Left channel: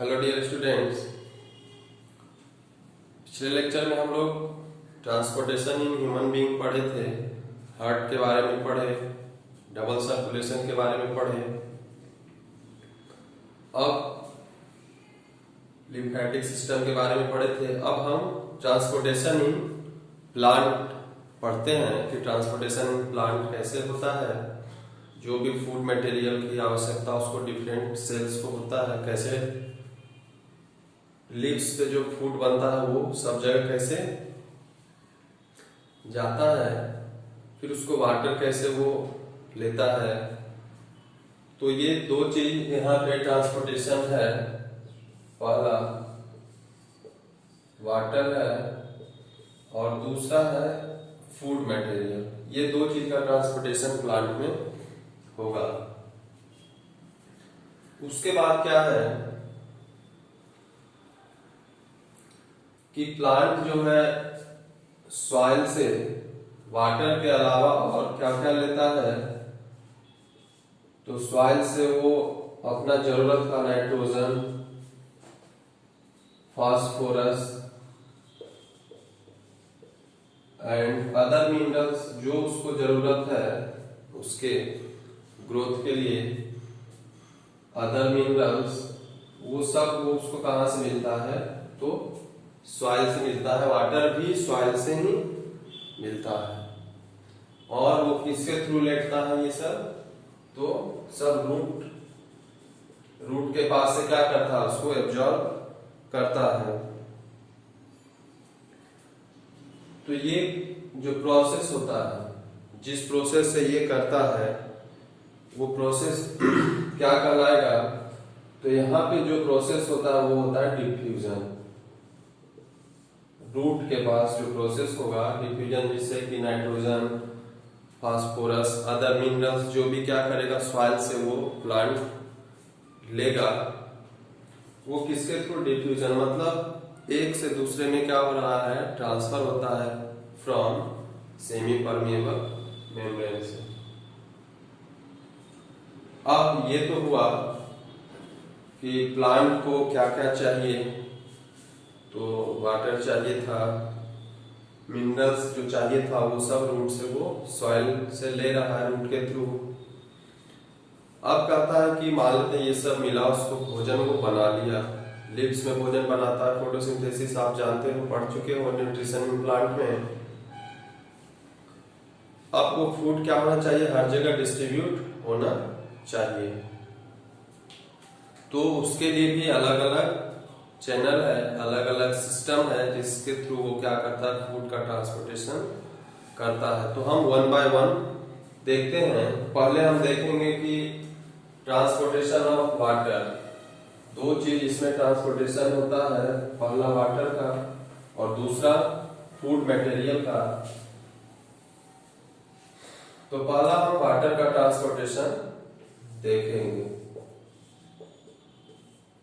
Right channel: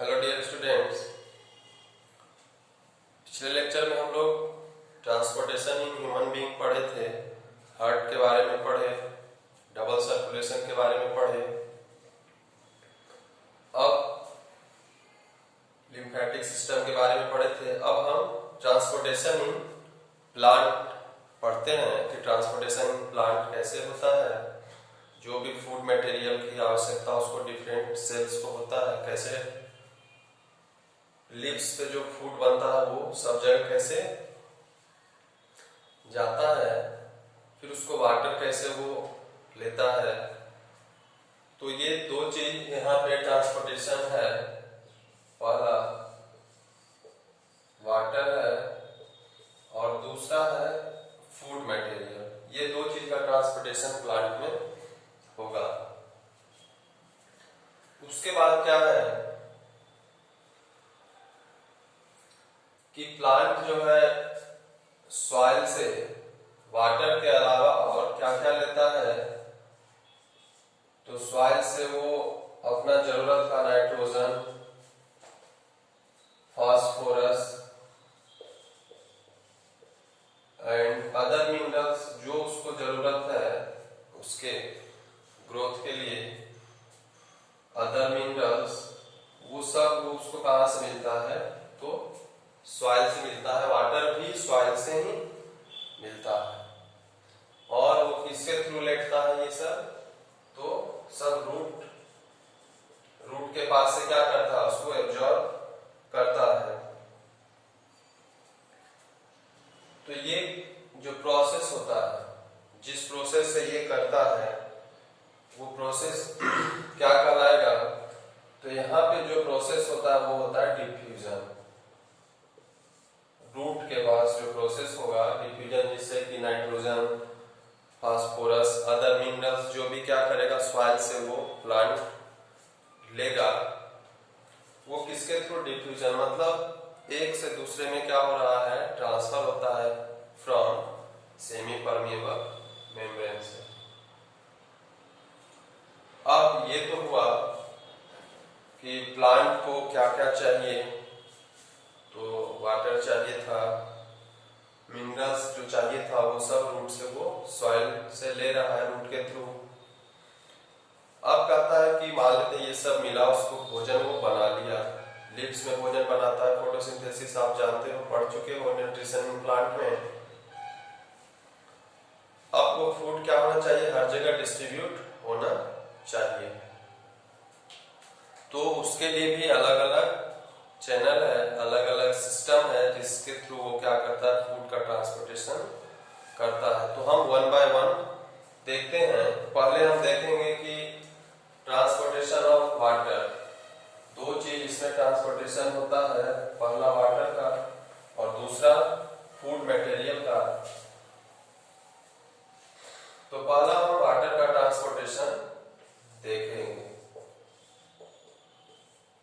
Hello dear students. पिछले lecture में हम लोग ट्रांसपोर्टेशन इन ह्यूमन बीइंग पढ़े थे। हार्ट के बारे में पढ़े, डबल सर्कुलेशन के बारे में पढ़े। अब लिम्फेटिक सिस्टम के बारे में पढ़े थे। अब हम ट्रांसपोर्टेशन इन प्लांट पढ़ते हैं कि ट्रांसपोर्टेशन इन प्लांट कैसे होता है। जो भी फूड मटेरियल की आवश्यकता उसको डिफरेंट सेल्स को होता है, कैसे लीव्स पे जो फूड बनता है वो सब जगह कैसे जाता है, फिर उसको वाटर कैसे वो लेता है। तो ये दो चीज यहाँ पे ट्रांसपोर्टेशन है। पहला वाटर है और दूसरा है फूड मटेरियल। ये दो चीज का ट्रांसपोर्टेशन प्लांट में होगा। उसके बाद क्या है कि प्लांट जो है सॉइल से वाटर के अलावा और क्या क्या लेता है। तो सॉइल से वो अपना जरूरत का nitrogen, phosphorus and other minerals जो उसको जरूरत है उसके ग्रोथ के लिए, अदर मिनरल्स वो सब वो उसको कहां से मिलता है? तो सॉइल से मिलता है। वाटर भी सॉइल से ही मिलता है। और वो किसके थ्रू लेटता है ये सब? तो सब रूट के पास से क्या करता है? उसको एब्जॉर्ब करता है। तो ये जो प्रोसेस होता है, जिस प्रोसेस से ये करता है वो प्रोसेस क्या कहलाएगा? तो यहाँ पे जो प्रोसेस होता है वो होता है डिफ्यूजन। रूट के पास जो प्रोसेस होगा डिफ्यूजन, जिससे कि नाइट्रोजन, फास्फोरस, अदर मिनरल्स जो भी क्या करेगा सॉइल से वो प्लांट लेगा। वो किसके थ्रू? डिफ्यूजन, मतलब एक से दूसरे में क्या हो रहा है? ट्रांसफर होता है फ्रॉम सेमी परमिएबल मेम्ब्रेन से। अब ये तो हुआ कि प्लांट को क्या क्या चाहिए। तो वाटर चाहिए था, मिनरल्स जो चाहिए था वो सब रूट से वो सॉइल से ले रहा है रूट के थ्रू। अब कहता है कि मान लेते ये सब मिला, उसको भोजन वो बना लिया। लिव्स में भोजन बनाता है, फोटोसिंथेसिस आप जानते हो, पढ़ चुके हो न्यूट्रिशन इन प्लांट में। अब वो फूड क्या होना चाहिए? हर जगह डिस्ट्रीब्यूट होना चाहिए। तो उसके लिए भी अलग अलग चैनल है, अलग अलग सिस्टम है जिसके थ्रू वो क्या करता है? फूड का ट्रांसपोर्टेशन करता है। तो हम वन बाय वन देखते हैं। पहले हम देखेंगे कि ट्रांसपोर्टेशन ऑफ वाटर। दो चीज इसमें ट्रांसपोर्टेशन होता है, पहला वाटर का और दूसरा फूड मटेरियल का। तो पहला हम वाटर का ट्रांसपोर्टेशन देखेंगे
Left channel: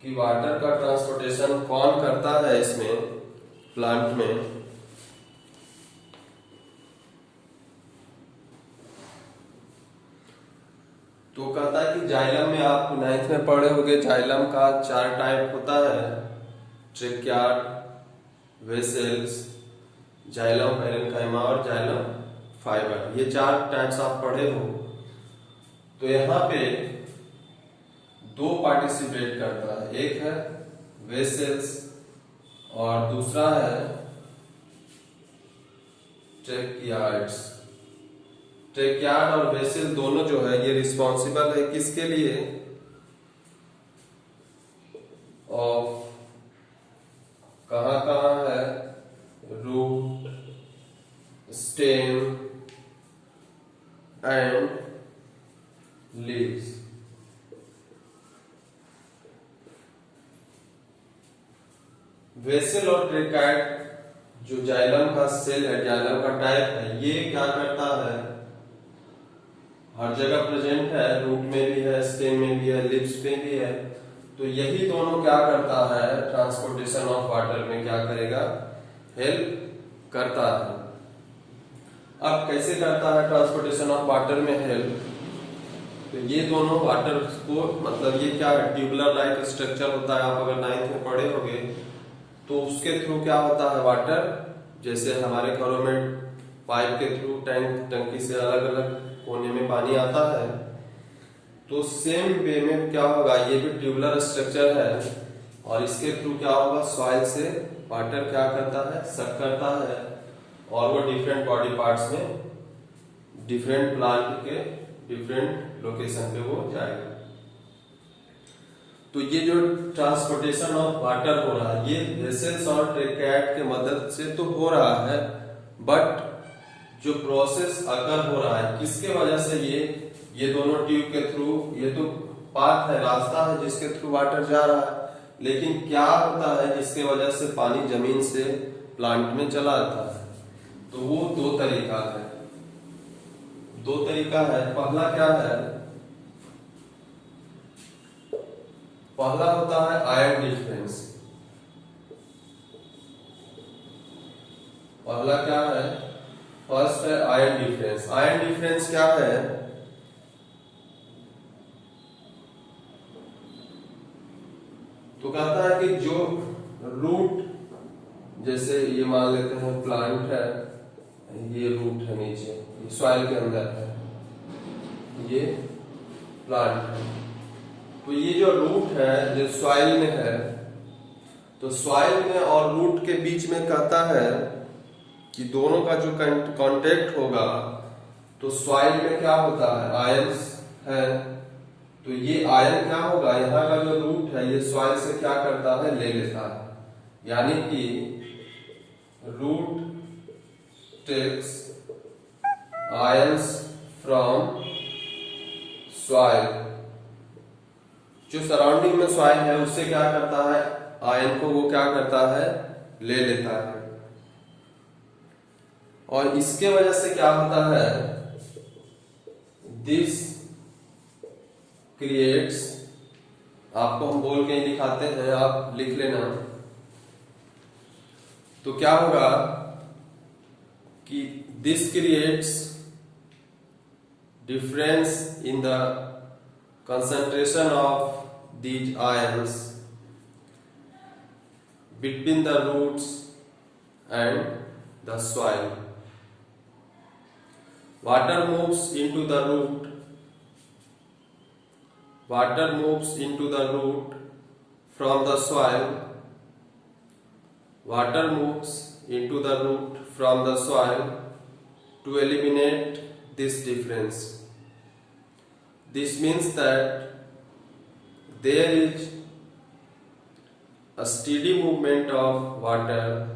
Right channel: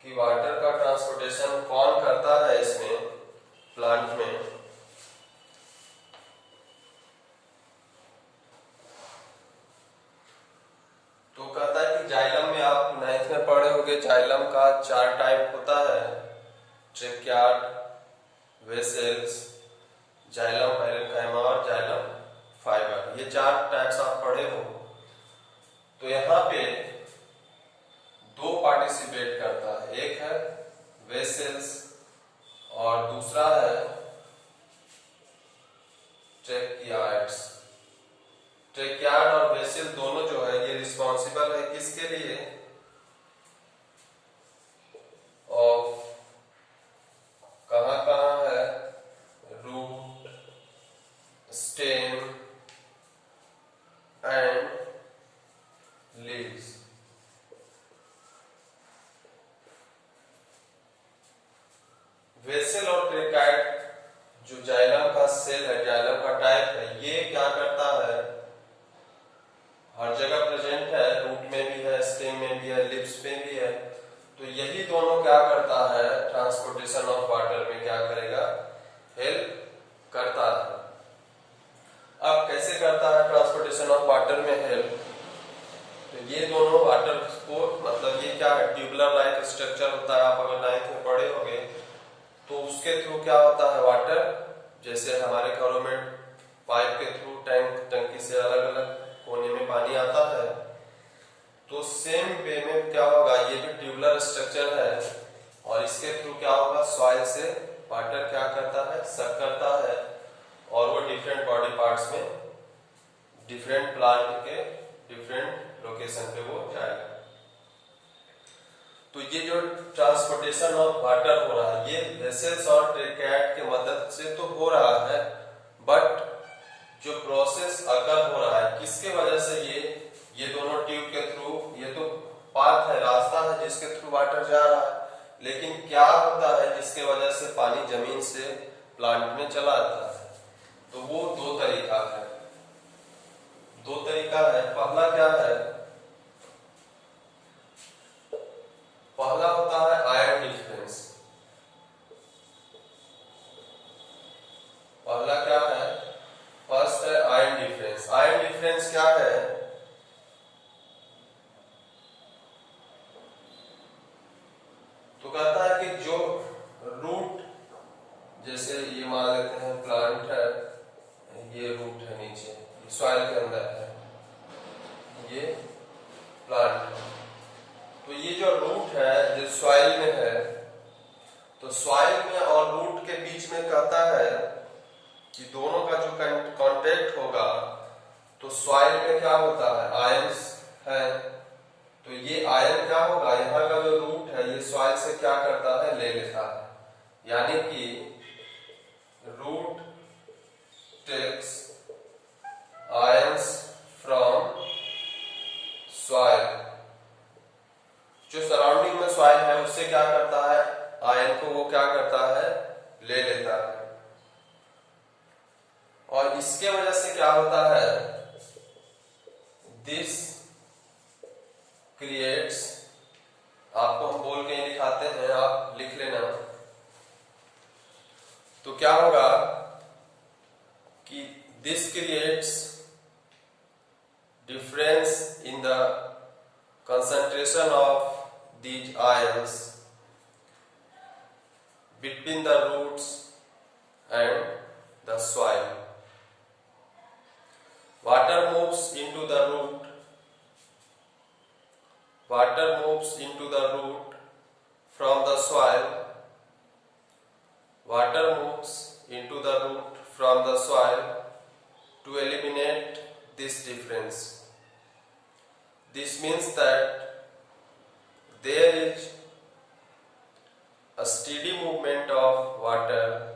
कि वाटर का ट्रांसपोर्टेशन कौन करता है इसमें प्लांट में। तो कहता है कि जाइलम में, आप 9th में पढ़े होंगे, जाइलम का 4 टाइप होता है: ट्रेकियार्ड, वेसल्स, जाइलम पैरेन्काइमा और जाइलम फाइबर। ये 4 टाइप्स आप पढ़े हो। तो यहाँ पे दो पार्टिसिपेट करता है, एक है वेसल्स और दूसरा है ट्रेकियार्ड्स। ट्रेकियार्ड और वेसल दोनों जो है ये रिस्पॉन्सिबल है किसके लिए? ऑफ कहाँ है? Root, stem and leaves. Vessel और ट्रेकाइड जो जाइलम का सेल है, जाइलम का टाइप है, ये क्या करता है? हर जगह प्रेजेंट है, रूट में भी है, स्टेम में भी है, लिप्स में भी है। तो यही दोनों क्या करता है? ट्रांसपोर्टेशन ऑफ वाटर में क्या करेगा? हेल्प करता है। अब कैसे करता है ट्रांसपोर्टेशन ऑफ वाटर में हेल्प? तो ये दोनों वाटर को, मतलब ये क्या है, ट्यूबुलर लाइक स्ट्रक्चर होता है, आप अगर 9th में पढ़े होंगे, तो उसके थ्रू क्या होता है, वाटर जैसे हमारे घरों में पाइप के थ्रू टंकी से अलग अलग कोने में पानी आता है, तो सेम वे में क्या होगा, ये भी ट्यूबुलर स्ट्रक्चर है और इसके थ्रू क्या होगा, सॉइल से वाटर क्या करता है, सक करता है और वो डिफरेंट बॉडी पार्ट्स में डिफरेंट प्लांट के डिफरेंट लोकेशन पे वो जाएगा। तो ये जो ट्रांसपोर्टेशन ऑफ वाटर हो रहा है, ये वेसल्स और ट्रैकेट के मदद से तो हो रहा है, बट जो प्रोसेस अगर हो रहा है किसके वजह से, ये दोनों ट्यूब के थ्रू, ये तो पाथ है, रास्ता है जिसके थ्रू वाटर जा रहा है, लेकिन क्या होता है जिसके वजह से पानी जमीन से प्लांट में चला जाता है, तो वो दो तरीका है। पहला क्या है, पहला होता है आयन डिफरेंस। पहला क्या है, फर्स्ट है आयन डिफरेंस। आयन डिफरेंस क्या है, तो कहता है कि जो रूट, जैसे ये मान लेते हैं प्लांट है, ये रूट है नीचे, ये सॉइल के अंदर है, ये प्लांट है, तो ये जो रूट है जो सॉइल में है, तो सॉइल में और रूट के बीच में कहता है कि दोनों का जो कांटेक्ट होगा, तो सॉइल में क्या होता है, आयंस है, तो ये आयन क्या होगा, यहाँ का जो रूट है ये सॉइल से क्या करता है, ले लेता है, यानी कि root takes ions from soil, जो सराउंडिंग में सॉइल है उससे क्या करता है, आयन को वो क्या करता है, ले लेता है। और इसके वजह से क्या होता है, दिस क्रिएट्स, आपको हम बोल के ही दिखाते हैं, आप लिख लेना, तो क्या होगा कि this creates difference in the concentration of these ions between the roots and the soil. Water moves into the root. Water moves into the root from the soil. Water moves into the root from the soil to eliminate this difference. This means that there is a steady movement of water.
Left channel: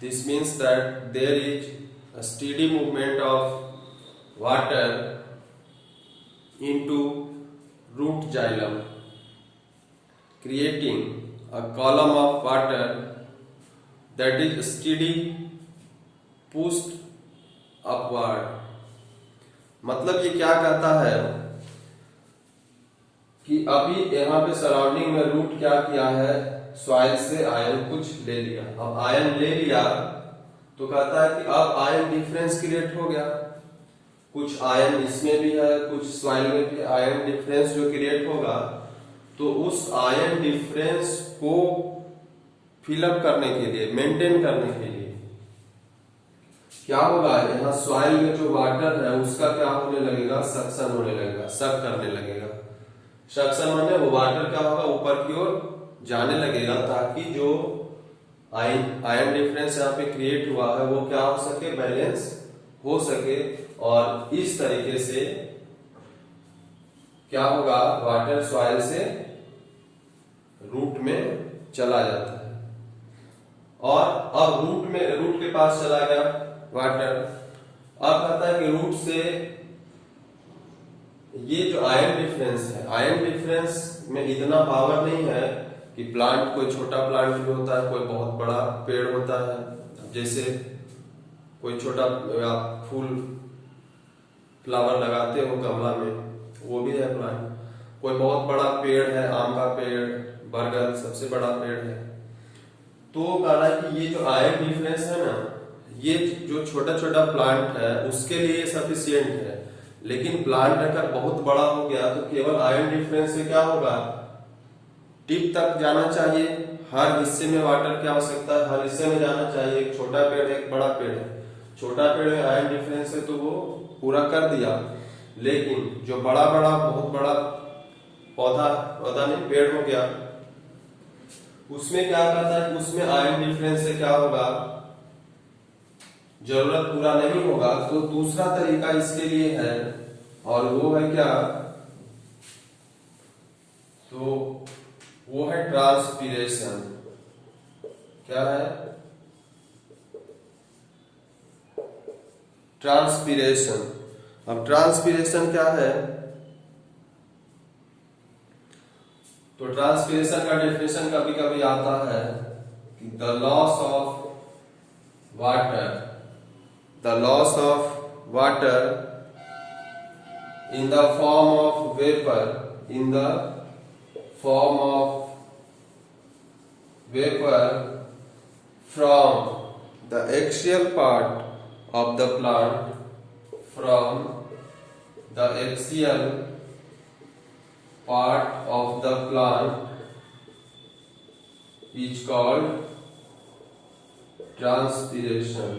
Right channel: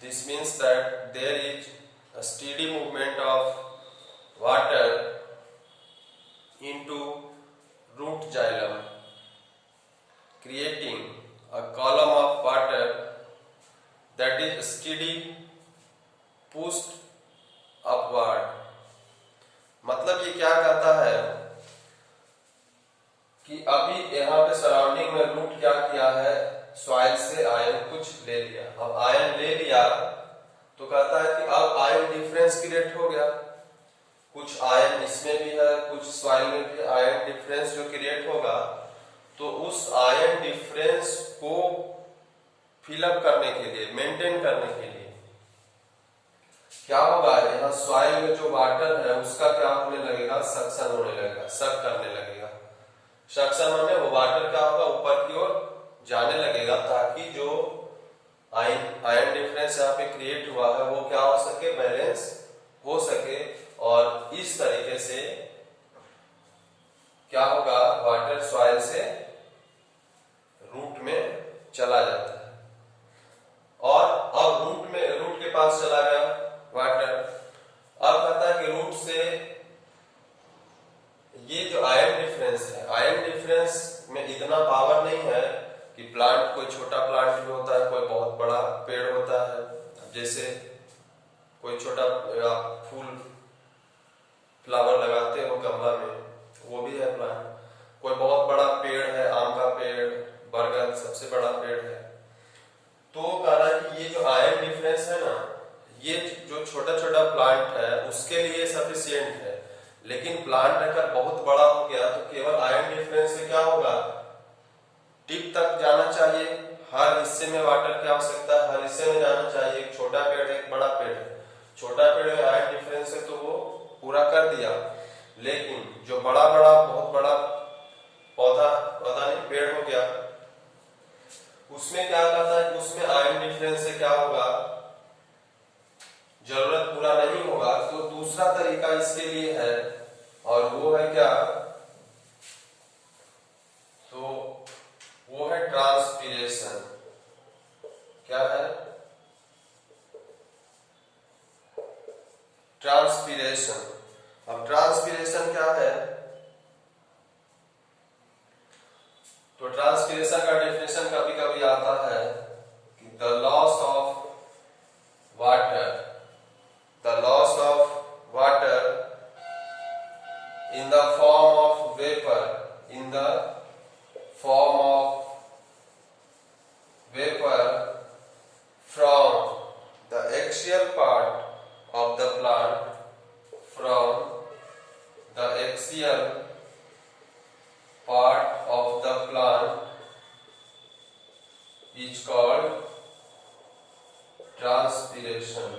This means that there is a steady movement of water into root xylem, creating a column of water that is steady pushed upward. मतलब ये क्या कहता है कि अभी यहाँ पे surrounding में रूट क्या किया है, सॉइल से आयन कुछ ले लिया। अब आयन ले लिया तो कहता है कि अब आयन डिफरेंस क्रिएट हो गया, कुछ आयन इसमें भी है कुछ सॉइल में भी, आयन डिफरेंस जो क्रिएट होगा, तो उस आयन डिफरेंस को फिलअप करने के लिए, मेंटेन करने के लिए क्या होगा, यहाँ सॉइल में जो वाटर है उसका क्या होने लगेगा, सक्शन होने लगेगा, सक करने लगेगा। सक्शन माने वो वाटर क्या होगा, ऊपर की ओर जाने लगेगा, ताकि जो आयन डिफरेंस यहाँ पे क्रिएट हुआ है वो क्या हो सके, बैलेंस हो सके, और इस तरीके से क्या होगा, वाटर सॉइल से रूट में चला जाता है। और अब रूट के पास चला गया वाटर, अब कहता है कि रूट से ये जो आयन डिफरेंस है, आयन डिफरेंस में इतना पावर नहीं है कि प्लांट, कोई छोटा प्लांट भी होता है, कोई बहुत बड़ा पेड़ होता है, जैसे कोई छोटा आप फूल फ्लावर लगाते हो गमला में, वो भी है प्लांट, कोई बहुत बड़ा पेड़ है, आम का पेड़, बरगद सबसे बड़ा पेड़ है, तो कह रहा है कि ये जो आयन डिफरेंस है ना, ये जो छोटा छोटा प्लांट है उसके लिए सफिशियंट है, लेकिन प्लांट अगर बहुत बड़ा हो गया तो केवल आयन डिफरेंस से क्या होगा, टिप तक जाना चाहिए। हर हिस्से में वाटर की आवश्यकता है, हर हिस्से में जाना चाहिए। एक छोटा पेड़ है, एक बड़ा पेड़ है, छोटा पेड़ में आयन डिफरेंस है तो वो पूरा कर दिया, लेकिन जो बड़ा बड़ा बहुत बड़ा पौधा पौधा नहीं पेड़ हो गया, उसमें क्या कहता है कि उसमें आयन डिफरेंस से क्या होगा, जरूरत पूरा नहीं होगा। तो दूसरा तरीका इसके लिए है, और वो है क्या, तो वो है ट्रांसपीरेशन। क्या है, ट्रांसपीरेशन। अब ट्रांसपीरेशन क्या है, तो ट्रांसपीरेशन का डेफिनेशन कभी कभी आता है कि the loss of water, the loss of water in the form of vapour, in the form of vapor from the axial part of the plant, from the axial part of the plant is called transpiration,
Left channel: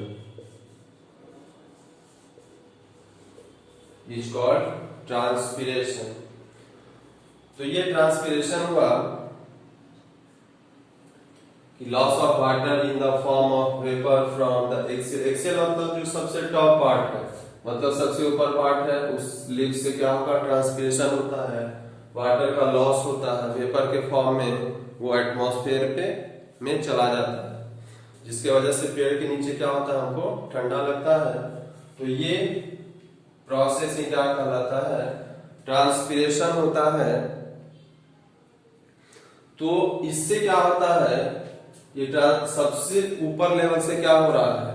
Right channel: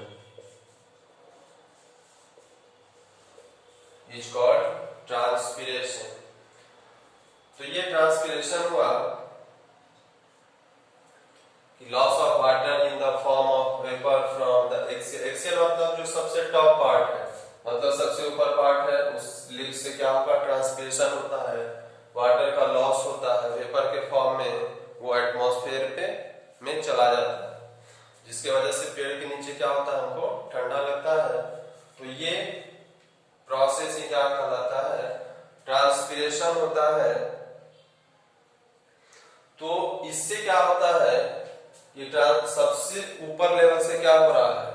is called transpiration। तो ये transpiration हुआ कि loss of water in the form of vapour from the axial. Axial मतलब जो सबसे top part है, मतलब सबसे ऊपर पार्ट है, उस लिप से क्या होगा, ट्रांसपिरेशन होता है, वाटर का लॉस होता है, वेपर के फॉर्म में वो एटमॉस्फेयर पे में चला जाता है, जिसके वजह से पेड़ के नीचे क्या होता है, हमको ठंडा लगता है। तो ये प्रोसेस ही क्या कहलाता है, ट्रांसपिरेशन होता है। तो इससे क्या होता है, ये सबसे ऊपर लेवल से क्या हो रहा है,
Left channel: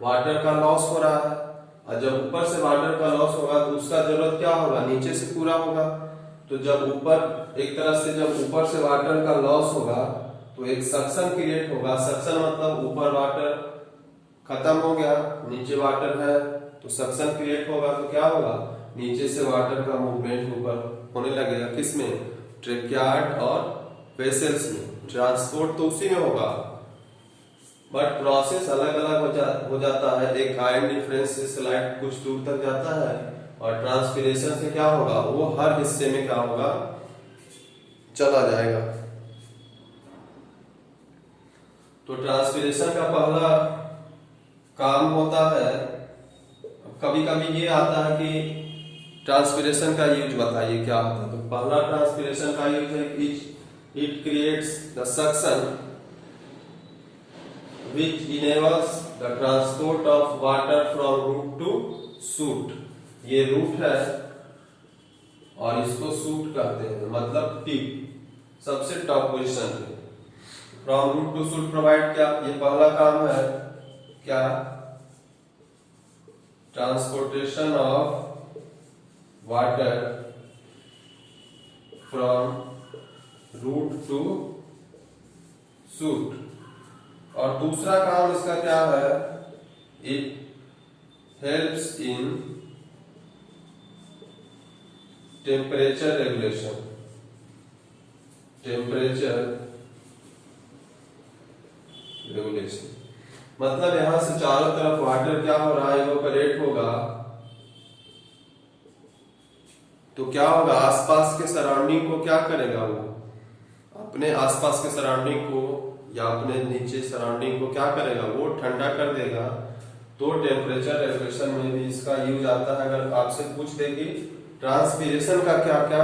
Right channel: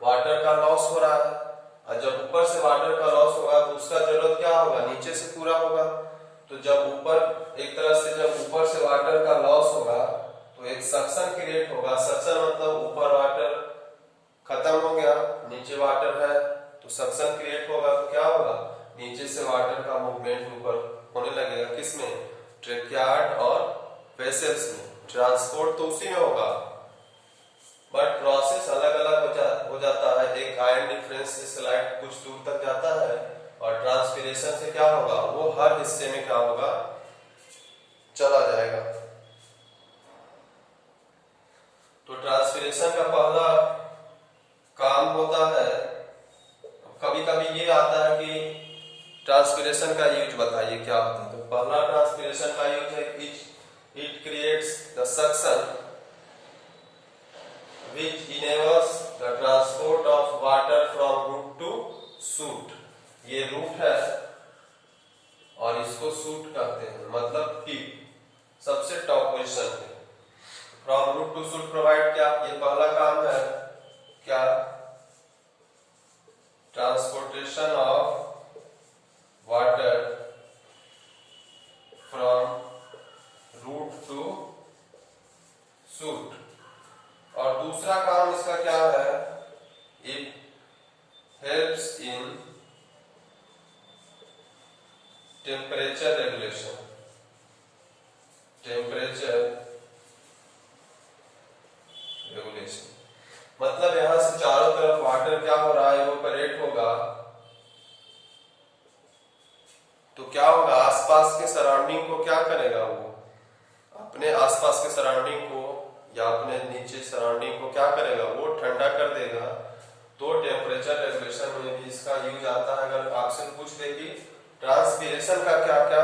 वाटर का लॉस हो रहा है, और जब ऊपर से वाटर का लॉस होगा तो उसका जरूरत क्या होगा, नीचे से पूरा होगा। तो जब ऊपर एक तरह से जब ऊपर से वाटर का लॉस होगा तो एक सक्शन क्रिएट होगा। सक्शन मतलब ऊपर वाटर खत्म हो गया, नीचे वाटर है, तो सक्शन क्रिएट होगा तो क्या होगा, नीचे से वाटर का मूवमेंट ऊपर होने लगेगा। किसमें, ट्रेकियार्ड और वेसल्स में। ट्रांसपोर्ट तो उसी में होगा, बट प्रोसेस अलग अलग हो जाता है। एक आयन डिफरेंस से स्लाइड कुछ दूर तक जाता है, और ट्रांसपिरेशन से क्या होगा, वो हर हिस्से में क्या होगा, चला जाएगा। तो ट्रांसपिरेशन का पहला काम होता है, कभी कभी ये आता है कि ट्रांसपिरेशन का यूज बताइए क्या होता है। तो पहला ट्रांसपिरेशन का यूज है, it creates the suction which enables the transport of water from root to shoot। ये रूट है और इसको शूट कहते हैं, मतलब टिप, सबसे टॉप पोजीशन पे। From root to shoot provide, क्या ये पहला काम है, क्या, transportation of water from root to shoot. और दूसरा काम इसका क्या है, it helps in temperature regulation, temperature regulation. मतलब यहां से चारों तरफ वाटर क्या हो रहा है, इवेपोरेट होगा, तो क्या होगा, आसपास के सराउंडिंग को क्या करेगा, वो अपने आसपास के सराउंडिंग को या अपने नीचे सराउंडिंग को क्या करेगा, वो ठंडा कर देगा। तो टेम्परेचर रेगुलेशन में भी इसका यूज आता है। अगर आपसे पूछ दे कि ट्रांसपिरेशन का क्या क्या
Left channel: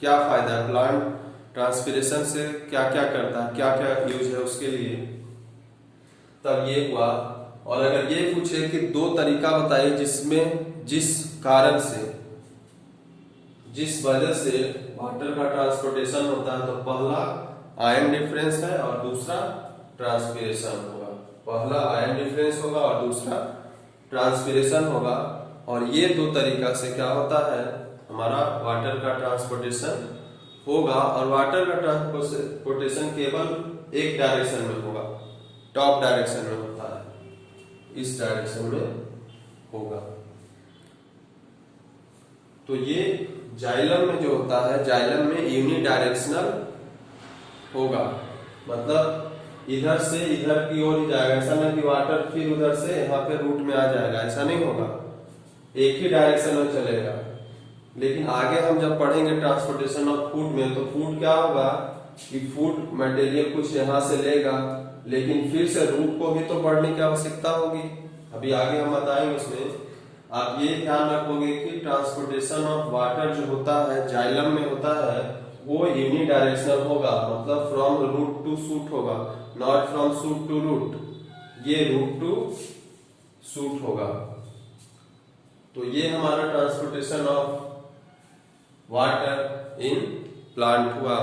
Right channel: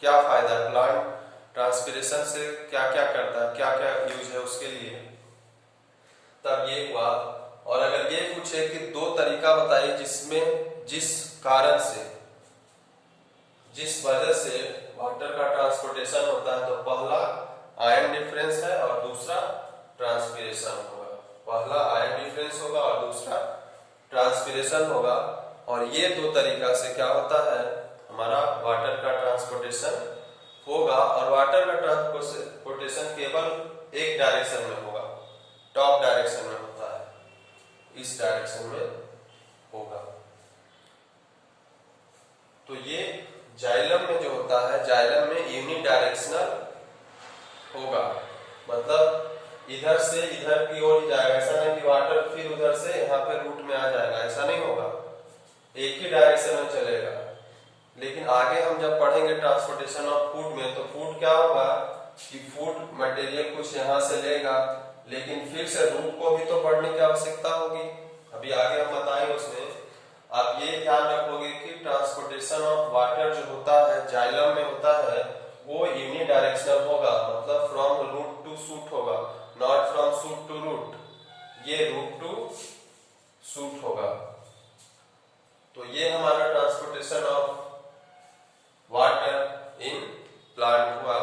क्या फायदा है, प्लांट ट्रांसपिरेशन से क्या क्या करता है, क्या क्या यूज है उसके लिए, तब ये हुआ। और अगर ये पूछे कि दो तरीका बताइए जिसमें जिस कारण से जिस वजह से वाटर का ट्रांसपोर्टेशन होता है, तो पहला आयन डिफरेंस है और दूसरा ट्रांसपिरेशन होगा। पहला आयन डिफरेंस होगा और दूसरा ट्रांसपिरेशन होगा। और ये दो तरीका से क्या होता है, हमारा वाटर का ट्रांसपोर्टेशन होगा। और वाटर का ट्रांसपोर्टेशन केवल एक डायरेक्शन में होगा, टॉप डायरेक्शन में होता है, इस डायरेक्शन में होगा। तो ये जाइलम में जो होता है, जाइलम में यूनिडायरेक्शनल होगा, मतलब इधर से इधर की ओर ही जाएगा। ऐसा नहीं कि वाटर फिर उधर से यहाँ पे रूट में आ जाएगा, ऐसा नहीं होगा, एक ही डायरेक्शन में चलेगा। लेकिन आगे हम जब पढ़ेंगे ट्रांसपोर्टेशन ऑफ फूड में, तो फूड क्या होगा कि फूड मटेरियल कुछ यहाँ से लेगा, लेकिन फिर से रूट को भी तो बढ़ने की आवश्यकता होगी। अभी आगे हम बताएंगे उसमें। आप ये ध्यान रखोगे कि ट्रांसपोर्टेशन ऑफ वाटर जो होता है जाइलम में होता है वो यूनिडायरेक्शनल होगा, मतलब फ्रॉम रूट टू शूट होगा, not from shoot to root. ये रूट टू शूट होगा। तो ये हमारा transportation of water in plant हुआ।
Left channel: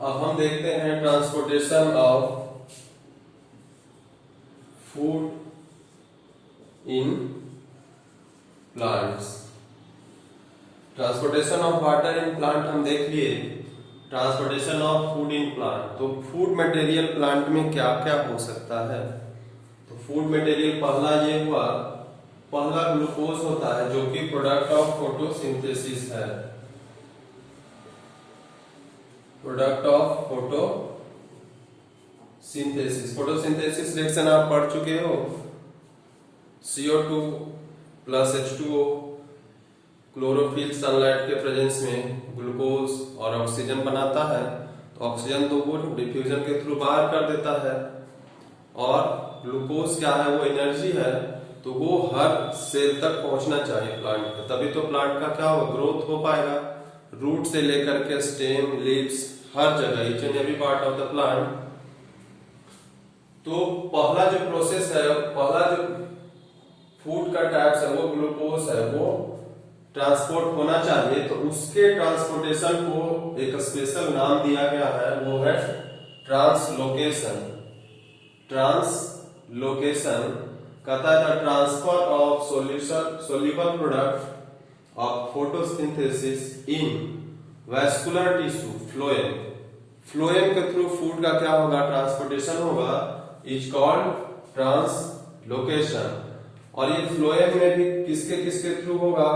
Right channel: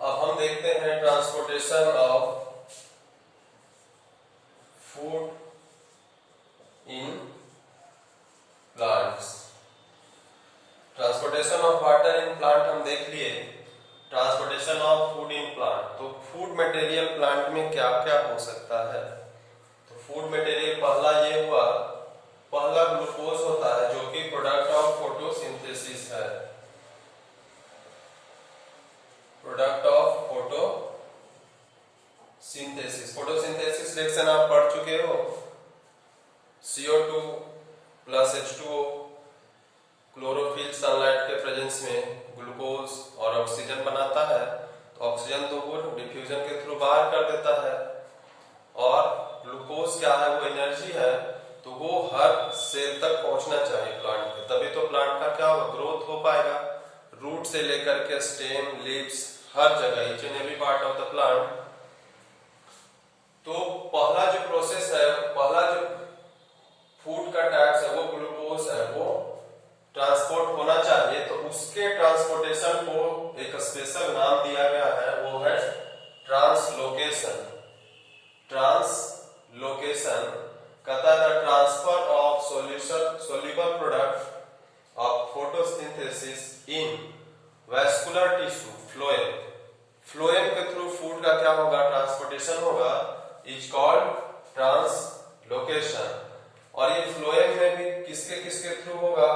अब हम देखते हैं transportation of food in plants. Transportation of water in plant हम देख लिए। Transportation of food in plant, तो फूड मटेरियल प्लांट में क्या क्या हो सकता है। तो फूड मटेरियल पहला ये हुआ, पहला ग्लूकोज होता है जो कि प्रोडक्ट ऑफ फोटोसिंथेसिस है। Product of photosynthesis, photosynthesis reaction आप पढ़ चुके हो। CO2 plus H2O chlorophyll sunlight के प्रेजेंस में ग्लूकोज और ऑक्सीजन बनाता है। तो ऑक्सीजन तो वो डिफ्यूजन के थ्रू बाहर कर देता है, और ग्लूकोज क्या है, वो एनर्जी है, तो वो हर सेल तक पहुंचना चाहिए प्लांट के, तभी तो प्लांट का क्या होगा, ग्रोथ हो पाएगा। रूट से लेकर के स्टेम, लीव्स, हर जगह, each and every part of the plant. तो पहला जो प्रोसेस है, पहला जो फूड का टाइप्स है वो ग्लूकोज है, वो ट्रांसपोर्ट होना चाहिए। तो उसके ट्रांसपोर्टेशन को एक स्पेशल नाम दिया गया है, वो है ट्रांसलोकेशन। ट्रांसलोकेशन कहता है the transfer of soluble product of photosynthesis in vascular tissue phloem. Phloem के थ्रू फूड का क्या होगा, ट्रांसपोर्टेशन होगा, इज कॉल्ड ट्रांसलोकेशन। और ये फ्लोएम में भी किसके किसके थ्रू होगा,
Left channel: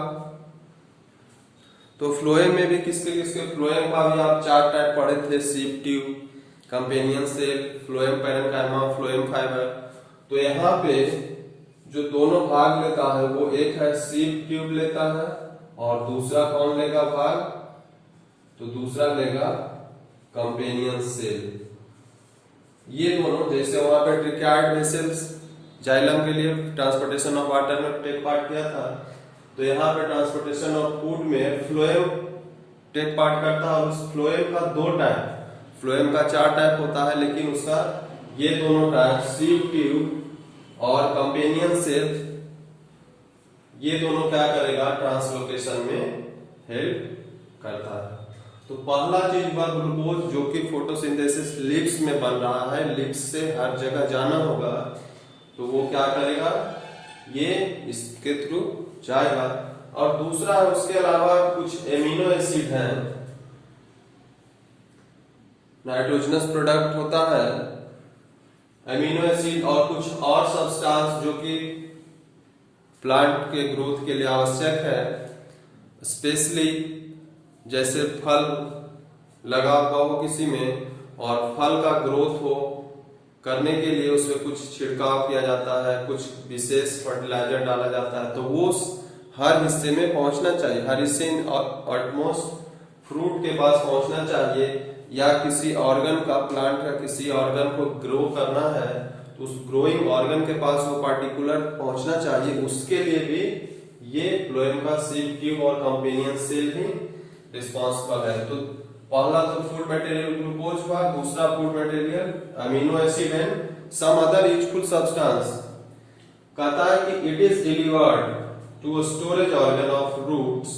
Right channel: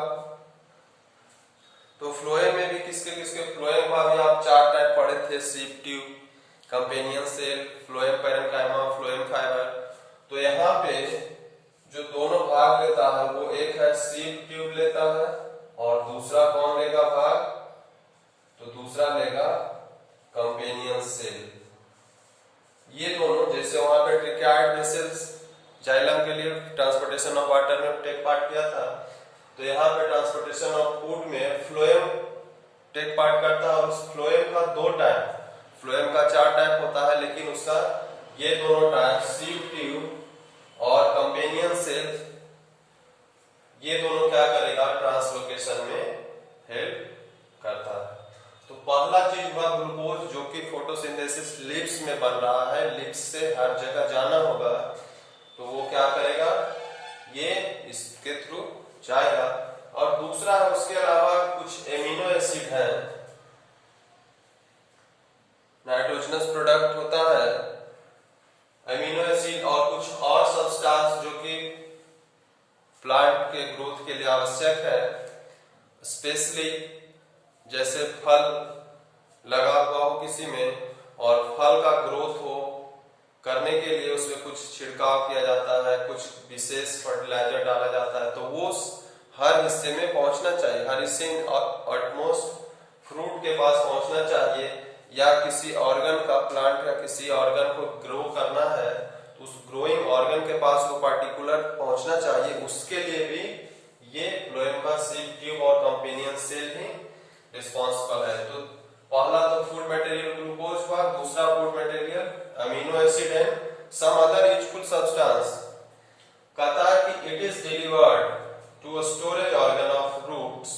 तो फ्लोएम में भी किसके किसके, फ्लोएम का भी आप 4 टाइप पढ़े थे, sieve tube, companion cell, phloem parenchyma, phloem fibre. तो यहाँ पे जो दोनों भाग लेता है वो एक है सीप ट्यूब लेता है, और दूसरा कौन लेगा भाग, तो दूसरा लेगा कंपेनियन सेल। ये दोनों, जैसे वहां पे ट्रिकाइड वेसल्स जाइलम के लिए ट्रांसपोर्टेशन ऑफ वाटर में टेक पार्ट किया था, तो यहाँ पे ट्रांसपोर्टेशन ऑफ फूड में फ्लोएम टेक पार्ट करता है। और उस फ्लोएम का 2 टाइप, फ्लोएम का 4 टाइप होता है, लेकिन उसका ये दोनों टाइप सीप ट्यूब और कंपेनियन सेल, ये दोनों क्या करेगा, ट्रांसलोकेशन में हेल्प करता है। तो पहला चीज हुआ ग्लूकोज, जो कि फोटोसिंथेसिस लिप्स में बन रहा है, लिप्स से हर जगह जाना होगा, तो वो क्या करेगा, ये इसके थ्रू जाएगा। और दूसरा उसके अलावा कुछ एमिनो एसिड है, नाइट्रोजनस प्रोडक्ट होता है एमिनो एसिड, और कुछ और सब्सटेंस जो कि प्लांट के ग्रोथ के लिए आवश्यक है। स्पेशली जैसे फल लगा हुआ हो किसी में, और फल का ग्रोथ हो करने के लिए उसमें कुछ छिड़काव किया जाता है, कुछ विशेष फर्टिलाइजर डाला जाता है, तो वो हर हिस्से में पहुंचना चाहिए, हर हिस्से ऑलमोस्ट फ्रूट के पास पहुंचना चाहिए। या किसी ऑर्गन का, प्लांट का किसी ऑर्गन को ग्रो करना है, तो उस ग्रोइंग ऑर्गन के पास वो पार्टिकुलर पहुंचना चाहिए। उसके लिए भी ये फ्लोएम का सीप ट्यूब और कंपेनियन सेल ही रिस्पॉन्सिबल है। तो पहला तो फूड मटेरियल ग्लूकोज हुआ, दूसरा food material amino acid and some other useful substance. कहता है कि it is delivered to storage organ of roots.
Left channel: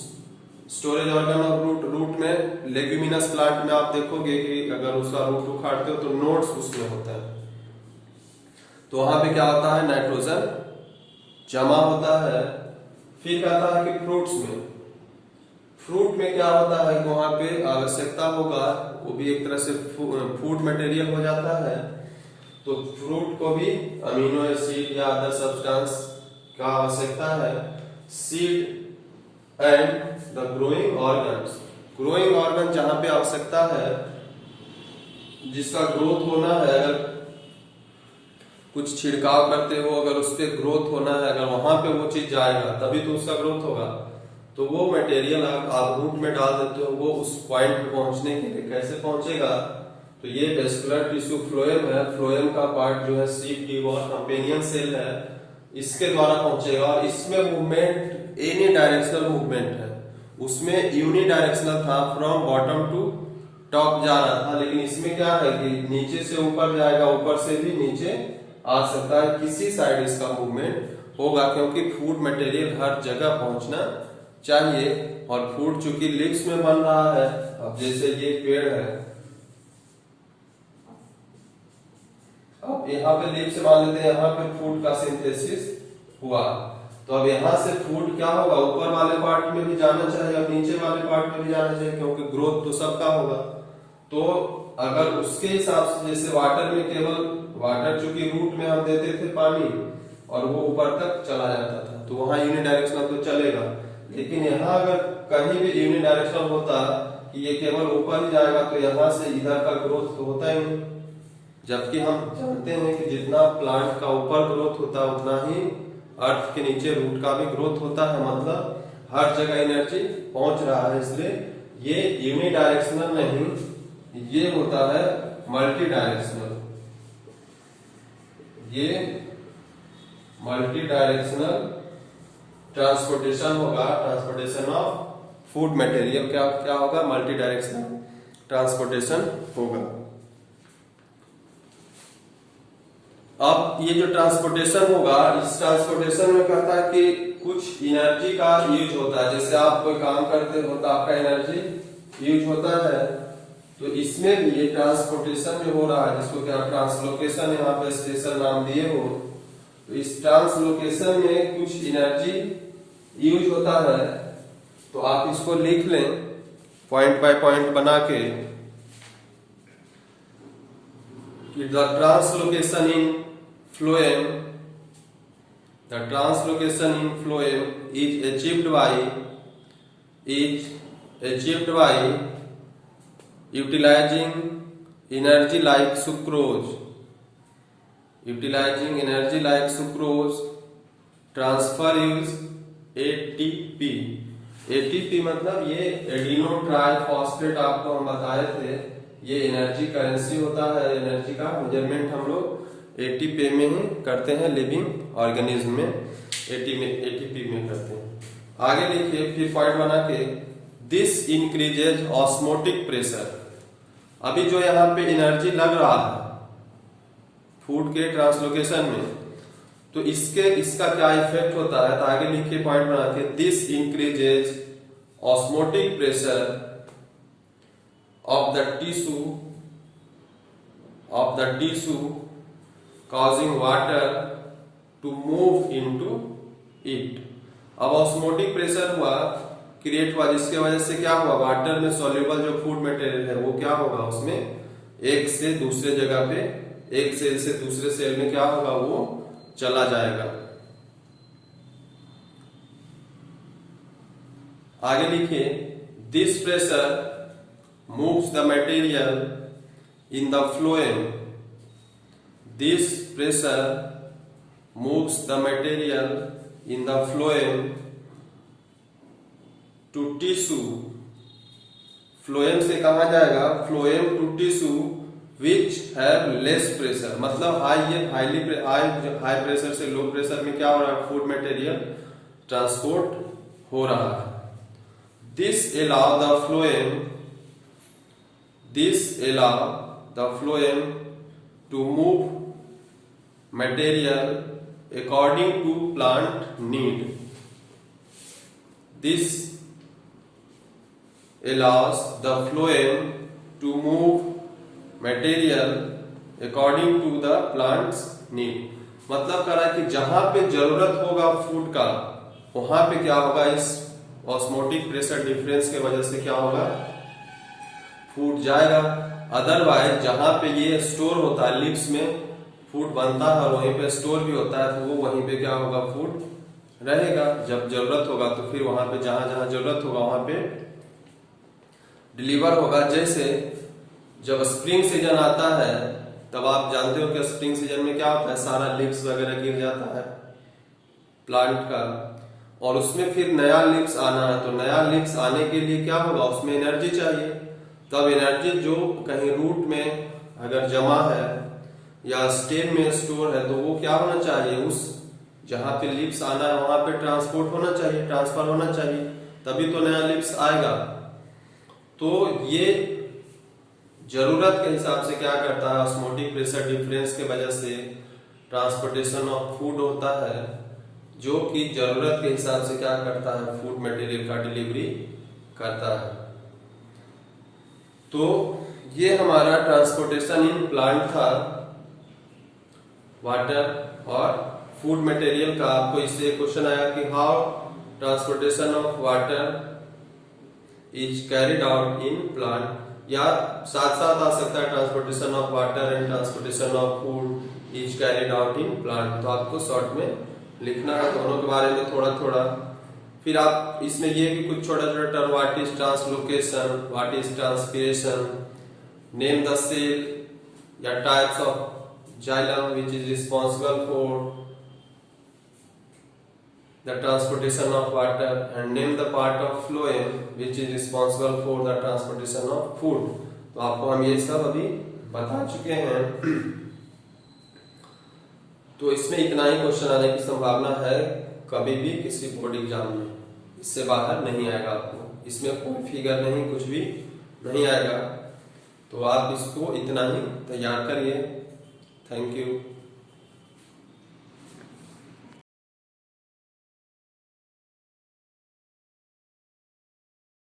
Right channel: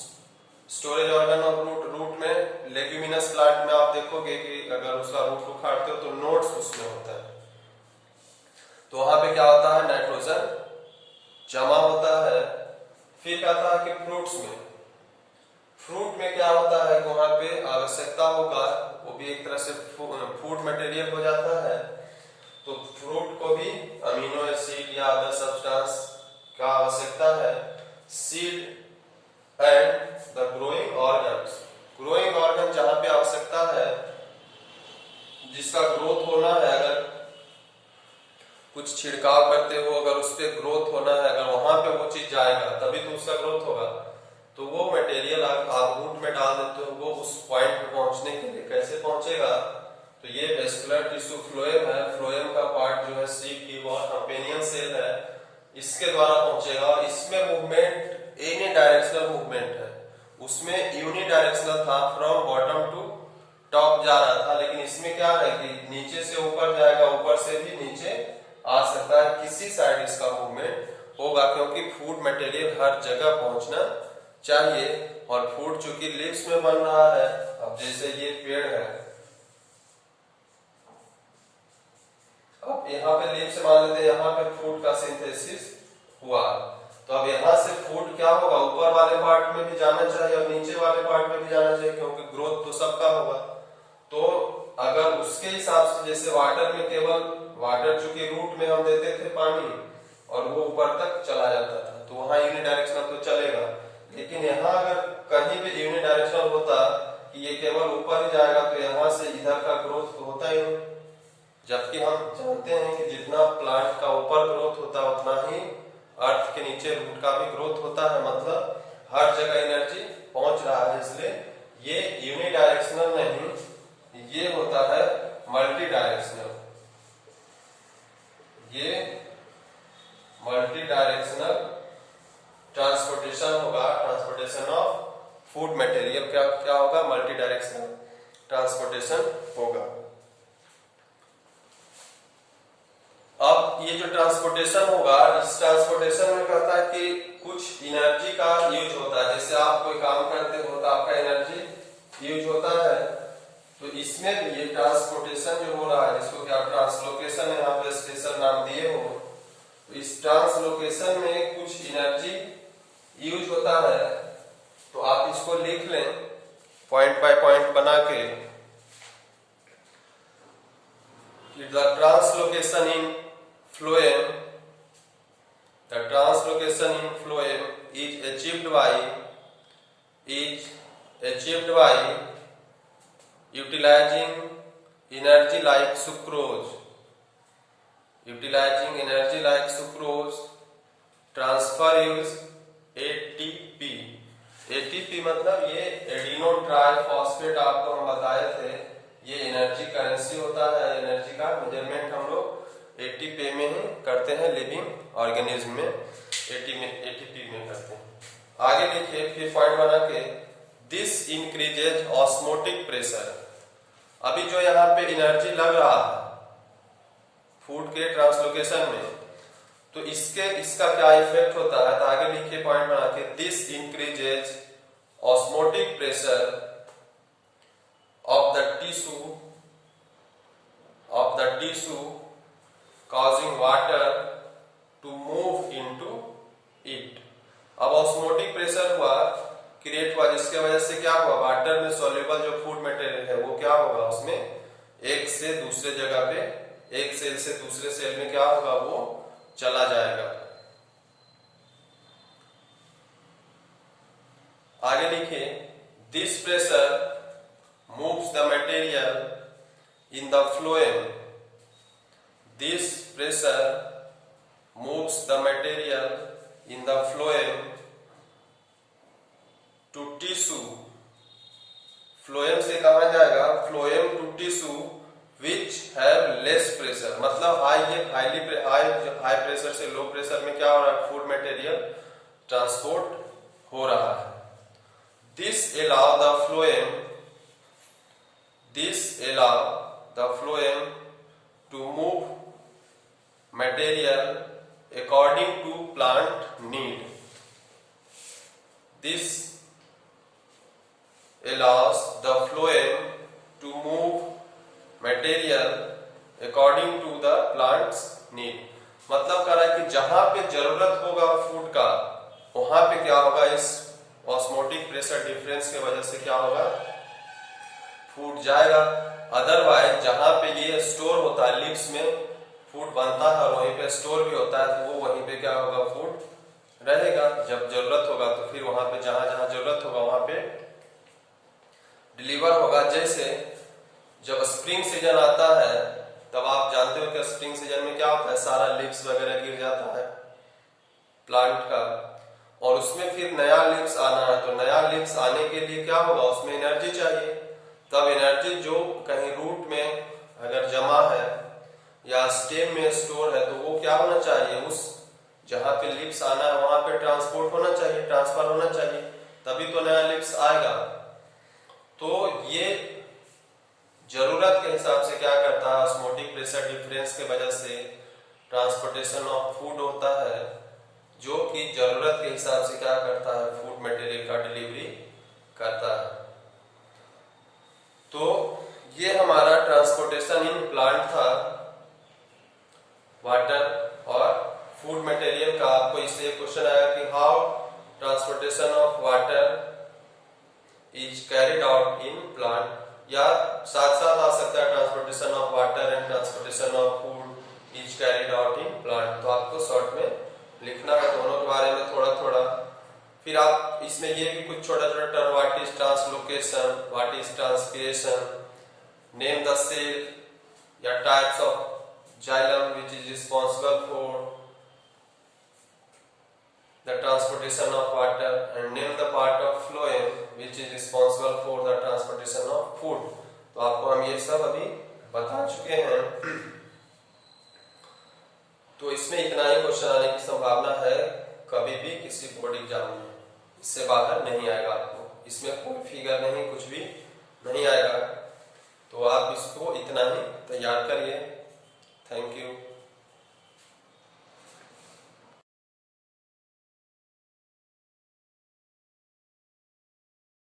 Storage organ of root, root में लेग्यूमिनस प्लांट में आप देखोगे कि अगर उसका रूट उखाड़ते हो तो नोड्स उसमें होता है, तो वहां पे क्या होता है, नाइट्रोजन जमा होता है। फिर कहता है कि फ्रूट्स में, फ्रूट में क्या होता है, वहां पे आवश्यकता होगा, वो भी एक तरह से फूड मटेरियल हो जाता है। तो फ्रूट को भी अमीनो एसिड या अदर सब्सटेंस का आवश्यकता है। Seed and the growing organs, growing organ जहां पे आवश्यकता है, जिसका ग्रोथ होना है, अगर कुछ छिड़काव करते हो, अगर उस पर ग्रोथ होना है, अगर वहां पे वो चीज जाएगा तभी तो उसका ग्रोथ होगा। तो वो मटेरियल आप रूट में डाल देते हो, वो उस पॉइंट पे पहुंचने के लिए कैसे पहुंचेगा? तो ये वेस्कुलर टिश्यू फ्लोएम है, फ्लोएम का पार्ट जो है सीप टिप और कंपेनियन सेल है, इसके द्वारा पहुंचेगा। और इसमें मूवमेंट एनी डायरेक्शनल मूवमेंट है, उसमें यूनि डायरेक्शनल था, फ्रॉम बॉटम टू टॉप जा रहा था, लेकिन इसमें क्या है कि नीचे से ऊपर जाएगा, ऊपर से भी नीचे आ सकता है, किसी साइड इसका मूवमेंट होगा, क्योंकि फूड मटेरियल हर जगह पहुंचना चाहिए। और फूड चूंकि लिप्स में बन रहा है, अब जैसे ये पेड़ है, अब यहाँ पे लिप्स मान लेते हैं, यहाँ पे फूड का सिंथेसिस हुआ, तो अब यहाँ से फूड क्या होगा, ऊपर वाले पार्ट में भी जाना चाहिए और नीचे वाले पार्ट में भी जाना चाहिए, क्योंकि ग्रोथ तो सबका होगा। तो अगर उसके हिसाब से, जैसे वाटर में केवल वाटर चूंकि रूट में हम देते थे पानी और वो ऊपर तक चला जाता था, तो वहां यूनिडायरेक्शनल तो चलेगा। लेकिन यहाँ अगर कहीं भी यूनिडायरेक्शनल होता कि ये केवल ऊपर ही जाएगा, तो यहाँ से इधर का ग्रोथ तो होता ही नहीं। जबकि हम जानते हैं कि जितना प्लांट का ऊपर ग्रोथ होता है, उतना ही अर्थ के नीचे रूट का भी ग्रोथ होता है, मतलब हर जगह एनर्जी पहुंच रहा है। इसलिए ये यूनिडायरेक्शनल नहीं, ये होता है मल्टी डायरेक्शनल। ये मल्टी डायरेक्शनल ट्रांसपोर्टेशन होगा, ट्रांसपोर्टेशन ऑफ फूड मटेरियल क्या क्या होगा, मल्टी डायरेक्शनल ट्रांसपोर्टेशन होगा। अब ये जो ट्रांसपोर्टेशन होगा, इस ट्रांसपोर्टेशन में कहता है कि कुछ एनर्जी का यूज होता है, जैसे आप कोई काम करते हो तो आपका एनर्जी यूज होता है, तो इसमें भी ये ट्रांसपोर्टेशन जो हो रहा है, जिसको क्या ट्रांसलोकेशन यहाँ पे स्पेशल नाम दिए हो, तो इस ट्रांसलोकेशन में कुछ एनर्जी यूज होता है। तो आप इसको लिख लें पॉइंट बाय पॉइंट बना के, कि the translocation in phloem, the translocation in phloem is achieved by utilizing energy like sucrose, utilizing energy like sucrose transfer use ATP। ATP मतलब ये एडिनो ट्राइफॉस्फेट, आपको हम बताए थे, ये एनर्जी करेंसी होता है। एनर्जी का मेजरमेंट हम लोग ATP में ही करते हैं, लिविंग ऑर्गेनिज्म में ATP में करते हैं। आगे लिखिए फिर पॉइंट बना के, दिस इंक्रीजेज ऑस्मोटिक प्रेशर। अभी जो यहाँ पे एनर्जी लग रहा है फूड के ट्रांसलोकेशन में, तो इसका क्या इफेक्ट होता है, तो आगे लिखिए पॉइंट बना के, this increases osmotic pressure of the tissue causing water to move into it। अब ऑस्मोटिक प्रेशर हुआ, क्रिएट हुआ, जिसके वजह से क्या हुआ, वाटर में सॉल्युबल जो फूड मटेरियल है वो क्या होगा, उसमें एक से दूसरे जगह पे, एक सेल से दूसरे सेल में क्या होगा, वो चला जाएगा। आगे लिखिए, this pressure moves the material in the phloem, this pressure moves the material in the phloem to tissue. Phloem से कहा जाएगा, phloem to tissue which have less pressure, मतलब हाई प्रेशर से लो प्रेशर में क्या हो रहा है, फूड मटेरियल ट्रांसपोर्ट हो रहा है। This allow the phloem to move material according to plant need. This allows the phloem to move material according to the plant's need। मतलब कह रहा है कि जहां पे जरूरत होगा फूड का, वहां पे क्या होगा, इस ऑस्मोटिक प्रेशर डिफरेंस के वजह से क्या होगा, फूड जाएगा। अदरवाइज जहां पे ये स्टोर होता है लिप्स में, फूड बनता है और वहीं पे स्टोर भी होता है, तो वो वहीं पे क्या होगा, फूड रहेगा। जब जरूरत होगा तो फिर वहां पे जहां जहां जरूरत होगा वहां पे डिलीवर होगा। जैसे जब स्प्रिंग सीजन आता है तब आप जानते हो कि स्प्रिंग सीजन में क्या होता है, सारा लीव्स वगैरह गिर जाता है प्लांट का, और उसमें फिर नया लीव्स आना है। तो नया लीव्स आने के लिए क्या होगा, उसमें एनर्जी चाहिए। तब एनर्जी जो कहीं रूट में अगर जमा है या स्टेम में स्टोर है, तो वो क्या होना चाहिए, उस जहां पे लीव्स आना है वहां पे ट्रांसपोर्ट होना चाहिए, ट्रांसफर होना चाहिए, तभी तो नया लीव्स आएगा। तो ये जरूरत के हिसाब से क्या करता है, ऑस्मोटिक प्रेशर डिफरेंस के वजह से ट्रांसपोर्टेशन ऑफ फूड होता है, जो कि जरूरत के हिसाब से क्या करता है, फूड मटेरियल का डिलीवरी करता है। तो ये हमारा ट्रांसपोर्टेशन इन प्लांट था, वाटर और फूड मटेरियल का। आपको इससे क्वेश्चन आया कि how transportation of water is carried out in plant, या साथ साथ आ सकता है transportation of water and transportation of food is carried out in plant. तो आपको शॉर्ट में लिखना है दोनों के बारे में थोड़ा थोड़ा। फिर आप इसमें ये भी कुछ छोटा छोटा term, what is translocation, what is transpiration, name the cell या types of xylem which is responsible for the transportation of water, and name the part of phloem which is responsible for the transportation of food। तो आपको हम ये सब अभी बता चुके हैं। तो इसमें इतना ही क्वेश्चन आने की संभावना है कभी भी किसी बोर्ड एग्जाम में, इससे बाहर नहीं आएगा आपको। इसमें कोई फिगर नहीं, कुछ भी नहीं आएगा। तो आप इसको इतना ही तैयार करिए। Thank you.